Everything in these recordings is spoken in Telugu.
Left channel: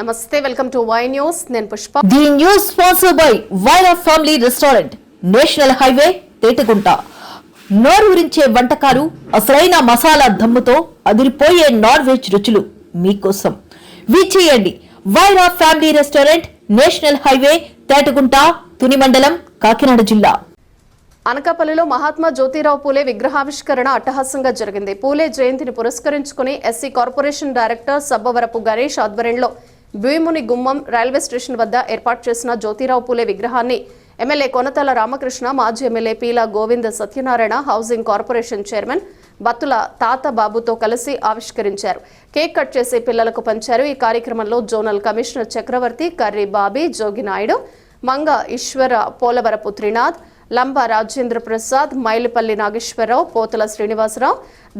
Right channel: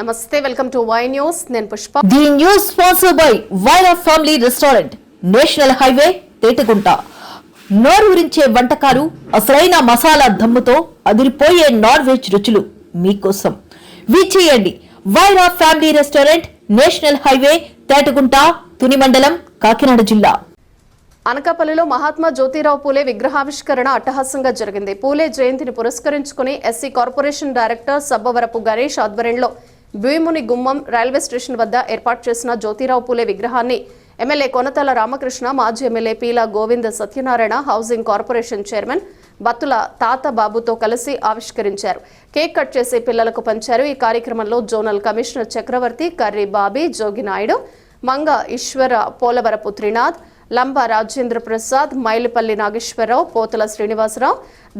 నమస్తే, వెల్కమ్ టు వై న్యూస్. నేను Pushpa. The news sponsored by Vaira family restaurant, national highway, Tetagunta. నోరూరించే వంటకాలు, అసలైన మసాలా దమ్ముతో అదిరిపోయే నాన్ వెజ్ రుచులు మీకోసం. విచ్చేయండి Vaira family restaurant, national highway, Tetagunta, Tuni మండలం, కాకినాడ జిల్లా. అనకాపల్లిలో మహాత్మా జ్యోతిరావు పూలే విగ్రహావిష్కరణ అట్టహాసంగా జరిగింది. పూలే జయంతిని పురస్కరించుకుని SC corporation director Sabbavarapu Ganesh ఆధ్వర్యంలో భీముని గుమ్మం రైల్వే స్టేషన్ వద్ద ఏర్పాటు చేసిన జ్యోతిరావు పూలే విగ్రహాన్ని ఎమ్మెల్యే కొనతల రామకృష్ణ, మాజీ MLA Peela Govinda Satyanarayana, housing corporation chairman Battula తాతబాబుతో కలిసి ఆవిష్కరించారు. కేక్ కట్ చేసి పిల్లలకు పంచారు. ఈ కార్యక్రమంలో జోనల్ కమిషనర్ చక్రవర్తి, కర్రీ బాబీ, జోగి నాయుడు, మంగ ఈశ్వర, పోలవరపు త్రినాథ్, లంబ రాజేంద్ర ప్రసాద్, మైలిపల్లి నాగేశ్వరరావు, పోతల శ్రీనివాసరావు,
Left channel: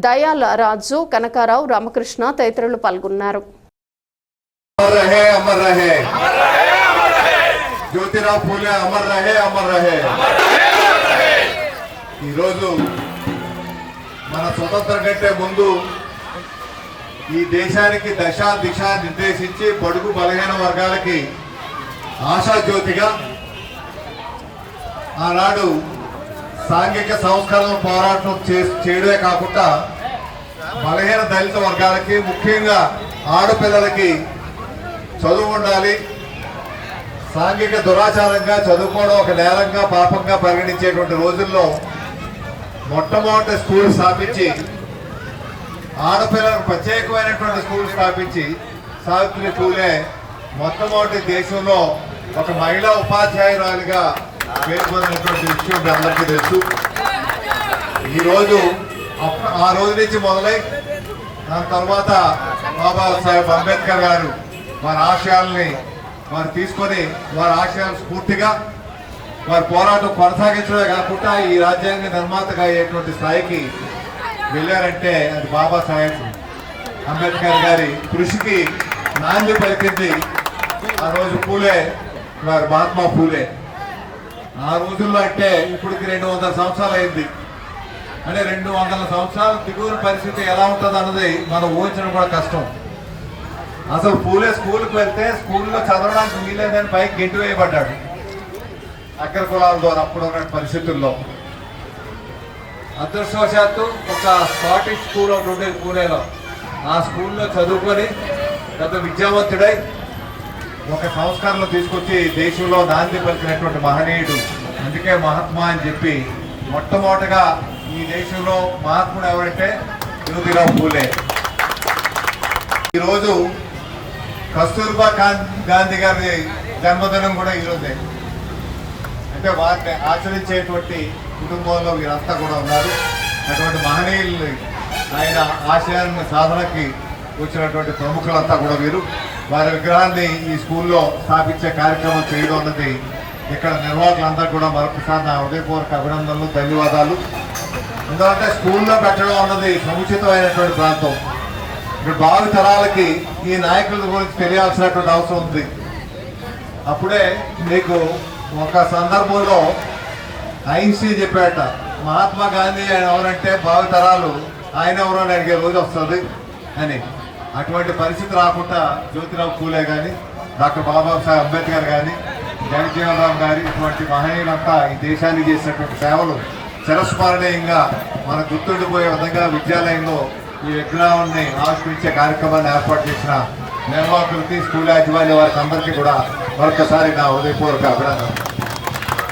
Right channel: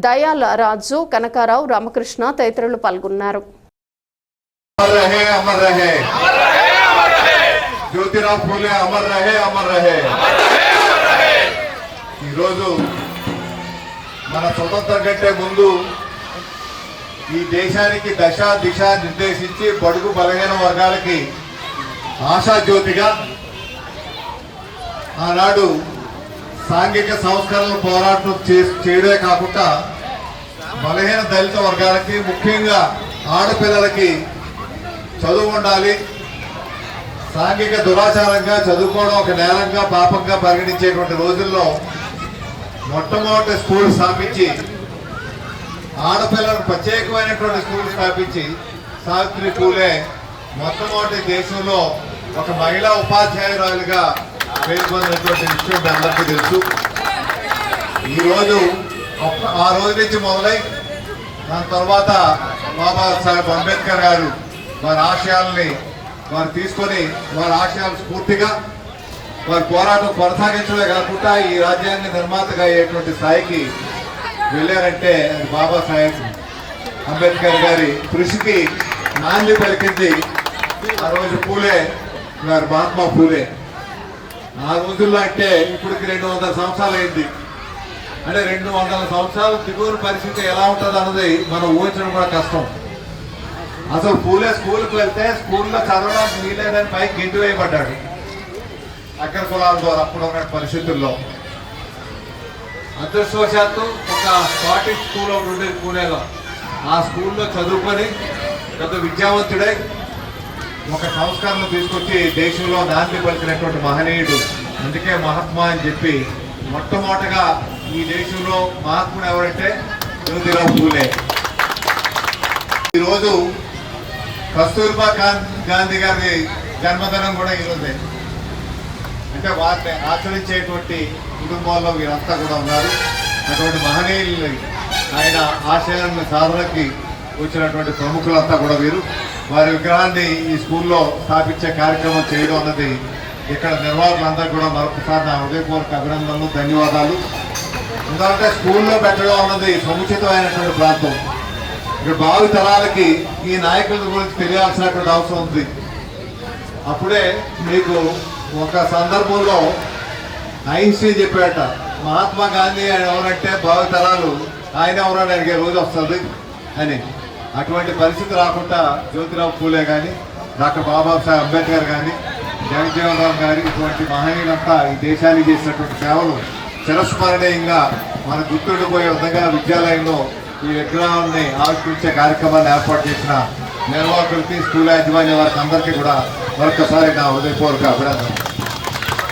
దయాల రాజు, కనకారావు, రామకృష్ణ తదితరులు పాల్గొన్నారు. జ్యోతిరావు పూలే అమర్ రహే, అమర్ రహే. ఈరోజు మన స్వతంత్రం కంటే ముందు ఈ దేశానికి దశ దిశ నిర్దేశించి బడుగు బలహీన వర్గాలకి ఆశాజ్యోతిగా ఆనాడు సాంఘిక సంస్కరణ పోరాటం చేయడమే కాకుండా బలహీన దళిత వర్గాలకి, ముఖ్యంగా ఆడపిల్లలకి చదువు ఉండాలి, సాంఘిక దురాచారంగా చదువుకోవడం ఒక నేరంగా, పాపంగా పరిగణించేటువంటి రోజుల్లో మొట్టమొదటి స్కూల్ స్థాపించి, ఆడపిల్లలకు ప్రత్యేకమైనటువంటి స్కూల్ స్థాపించి సావిత్రి పూలే మొట్టమొదటి దేశంలో ఒక మహిళా ఉపాధ్యాయురాలిగా పేరు పొందినటువంటి విషయం అందరికీ తెలుసు. ఈరోజు ఆ రోజు నుంచి మొదలై దాని తర్వాత బాబాసాహెబ్ అంబేద్కర్ గారు వారి ఆశయాల్ని వారు తీసుకొని వారి ఆశయాలు స్ఫూర్తిగా వారి పోరాటం కొనసాగించడమే కాకుండా ఈ రాజ్యాంగ నిర్మాతగా అయ్యేటువంటి స్థాయికి వెళ్ళారంటే అది బాబాసాహెబ్ అంబేద్కర్ గారి కృషికి నాంది పలికింది ఆ రోజు పూలే, వారి మహాత్మా పూలే. ఆ రోజుల్లో అంటే ఇప్పటికి 200 సంవత్సరాలు అయింది. అంటే 200 సంవత్సరాలు దిగువన పరిస్థితి ఎలా ఉంటుంది అన్నది మనం ఊహించడం కూడా కష్టం. అసలు పూలే స్కూల్కి వెళ్తే స్కూల్లో చదవడానికి వీలేదని పైకి గెంటు వేయబడ్డాడు అగ్ర కులాల ద్వారా అప్పుడు ఉన్న పరిస్థితుల్లో. అదృష్టవశాత్తు ఒక స్కాటిష్ స్కూల్ ఒకటి ఉండేది పూణేలో. ఆ స్కూల్లో చదువుకొని పెద్ద విద్యావంతుడై ఒక సంస్కరణ తీసుకొచ్చి దేశంలో నాంది పలికినటువంటి మహనీయుడు. అందుకే మహాత్మా అని చెప్పి మొట్టమొదటగా ఈ దేశంలో మహాత్ముడు ఎవరంటే జ్యోతిరావు పూలే. ఈరోజు కస్తూర్బా గాంధీ గారి జన్మదినం కూడా ఈరోజే. అంటే వారిని ఆచరించేటువంటి కుటుంబంలో వీరంతా కూడా ఉన్నారు. అటువంటి మహనీయుల్ని, ఆయన ఆశయాలను సాధనకి వచ్చినటువంటి ప్రముఖులంతా కూడా వీరు. వారి విగ్రహాన్ని ఈ స్కూల్లో స్థాపించే కార్యక్రమం చేయడం అన్నది ఇక్కడ నిర్వాహకులందరూ కూడా మరొకసారి నా హృదయపూర్వక అభినందనలు, ధన్యవాదాలు. ఎందుకంటే స్కూల్లో పెట్టడం అన్నది సముచితమైనటువంటి ప్రాంతం. ఇక్కడ భావి తరాలకి ఈ నాయకుల గురించి తెలియాల్సినటువంటి అవసరం ఉంది. అప్పుడే మీకు ఒక సందర్భంలో ఐన్స్టీన్ చెప్పాట, మహాత్మా గాంధీ ఆయన ఎవరంటే భావి తరాలు ఆయన ఎవరని అడిగే రోజు వస్తుంది అని. అటువంటి పరిస్థితి రాకుండా జ్యోతిరావు పూలే కానీ, డాక్టర్ బాబాసాహెబ్ అంబేద్కర్ కానీ, జగజ్జీవన్ రామ్ గారి ఇటువంటి మహనీయులంతా ఈ దేశానికి చేసినటువంటి సేవలు చిరస్మరణీయంగా మనకు గుర్తుండిపోయే విధంగా విద్యాలయంలో ఈ విగ్రహాన్ని ఆవిష్కరించే కార్యక్రమాన్ని ఏర్పాటు చేసిన నిర్వాహకులకి, స్కూల్ యాజమాన్య వారికి అందరికీ కూడా మరొకసారి నా హృదయపూర్వక అభినందనలు.